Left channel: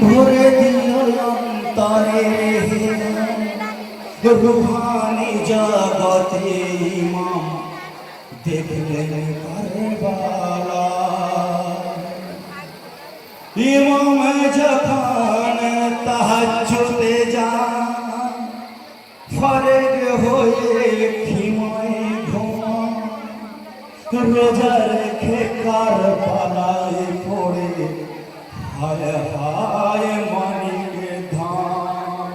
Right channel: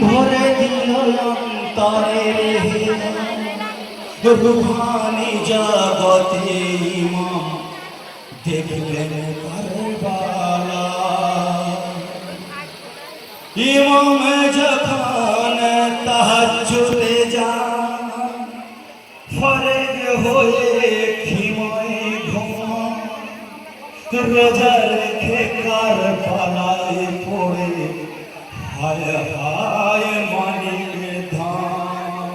ভরে দিও অন্তরে রুহানি জগতে ইমাম দেখলেন কারবালা। ইমাম যখন তাহাজ্জুদে যান ফরজ হয়ে খিমায় ঘুমান রোজা রেখে কারবালায় পড়ে হায় হায় মানিকে ধাম।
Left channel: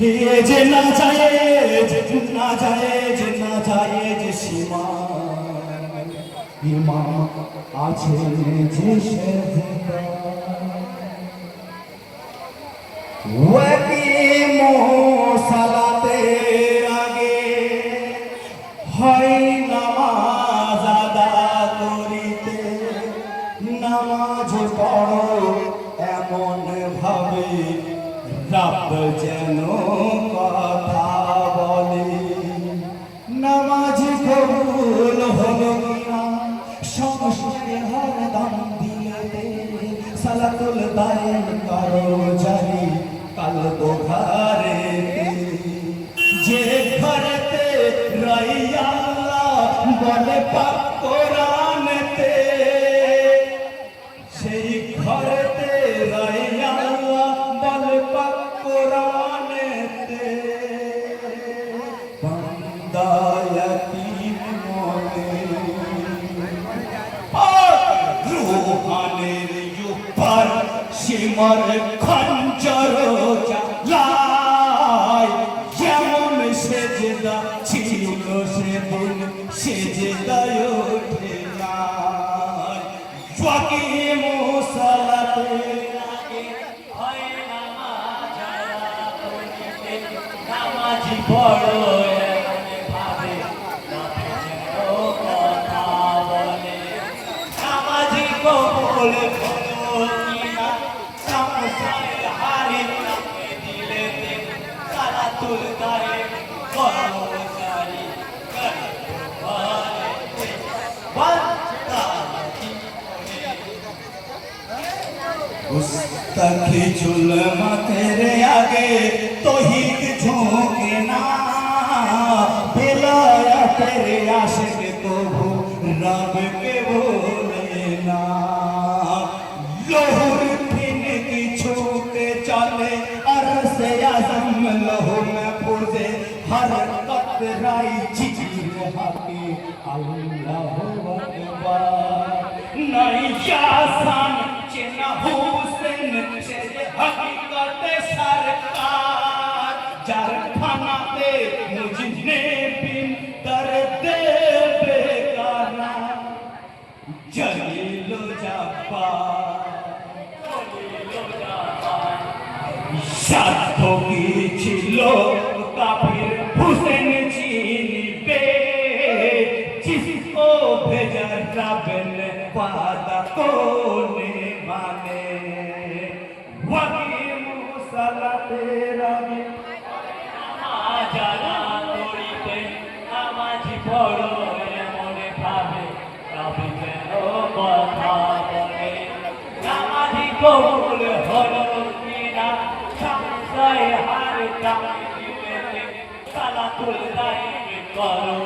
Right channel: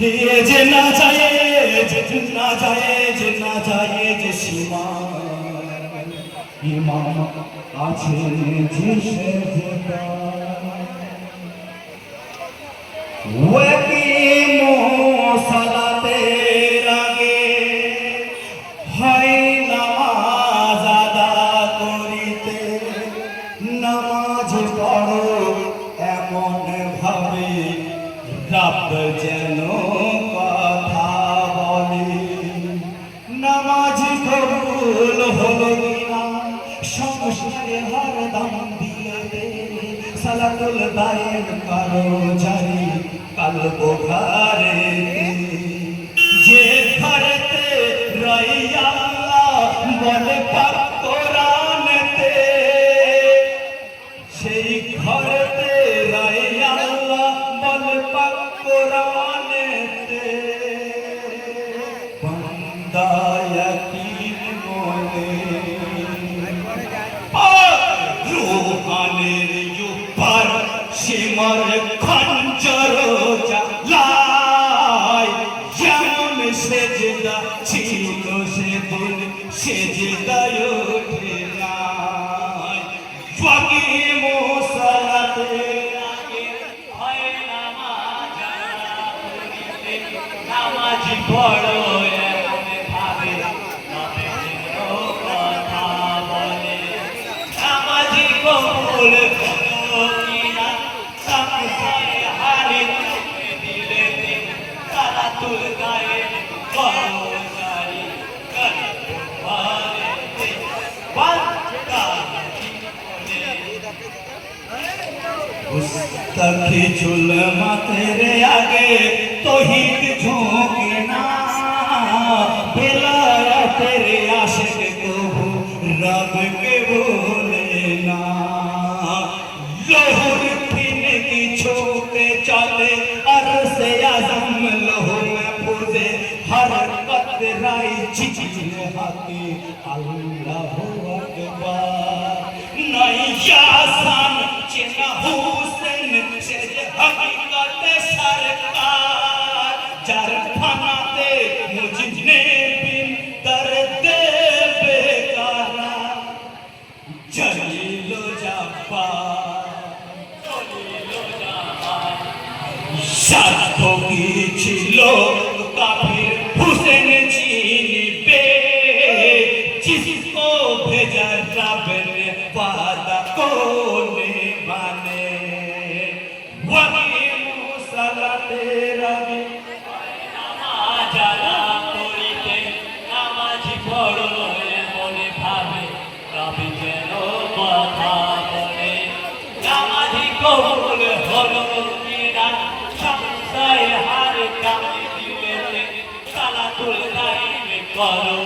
ये जे ना जाए जे सीमा इमाम আছে যে সেজদা ওয়াকিম সালাতের আগে হয় নামাজ আদা করিতে নামাজ পড়ো এমন ভাবে রব যেন কথা বলে। নামাজ কবুল হলো কিনা সংসারে হরদম দিয়েতে সালাতুল দায়েম করো জারি কালব ঘরে যে ঘরেতে রইয়া আল্লাহ বলে পাক কোরআনেতে সেই ঘরেতে রইয়া আল্লাহ বলে পাক কোরআনেতে বান্দা ইয়াতীম মনে রূহানের উপর সীমার খঞ্জর চালায় যেমন সেজদা ছিল সেদিন সেজদায় ওঠে নাই। ওয়াকিম সালাতের আগে হয় নামাজ আদা করিতে নামাজ পড়ো এমন ভাবে রবে যেন কথা বলে। নামাজি কবুল হলো কিনা সংসারে হারিয়ে দিলে সালাতুল দায়েম করো জারি ঘরেতে বান্দা গুস্তাখি চুল মাথের আগে তৌহিদ ঝোঁকে না বেলায়েতের আশিক কবু রবকে ভুলে না। লহুর ফিনকি ছুটে চলে আরশে আযম লহু महफूज़े हरकत राई जिजिर हाके अल्लाहु अकबर नहीं आसान चेना हुसैन से हकीकत सरकार जार फनाते मुझने बिन दर्द बेकारा जलील সাধ্য কি ছিল কাফির হুসেন চিনিবে जिसको भेजा रब ने वादा कोने माने। ওয়াকিম সালাতের আগে নামাজ আদা করিতে নামাজ পড়ো এমন ভাবে রব যেন কথা বলে। নামাজি কবুল হলো কিনা সংসারে হার কামে দিলে সালাতুল দায়েম করো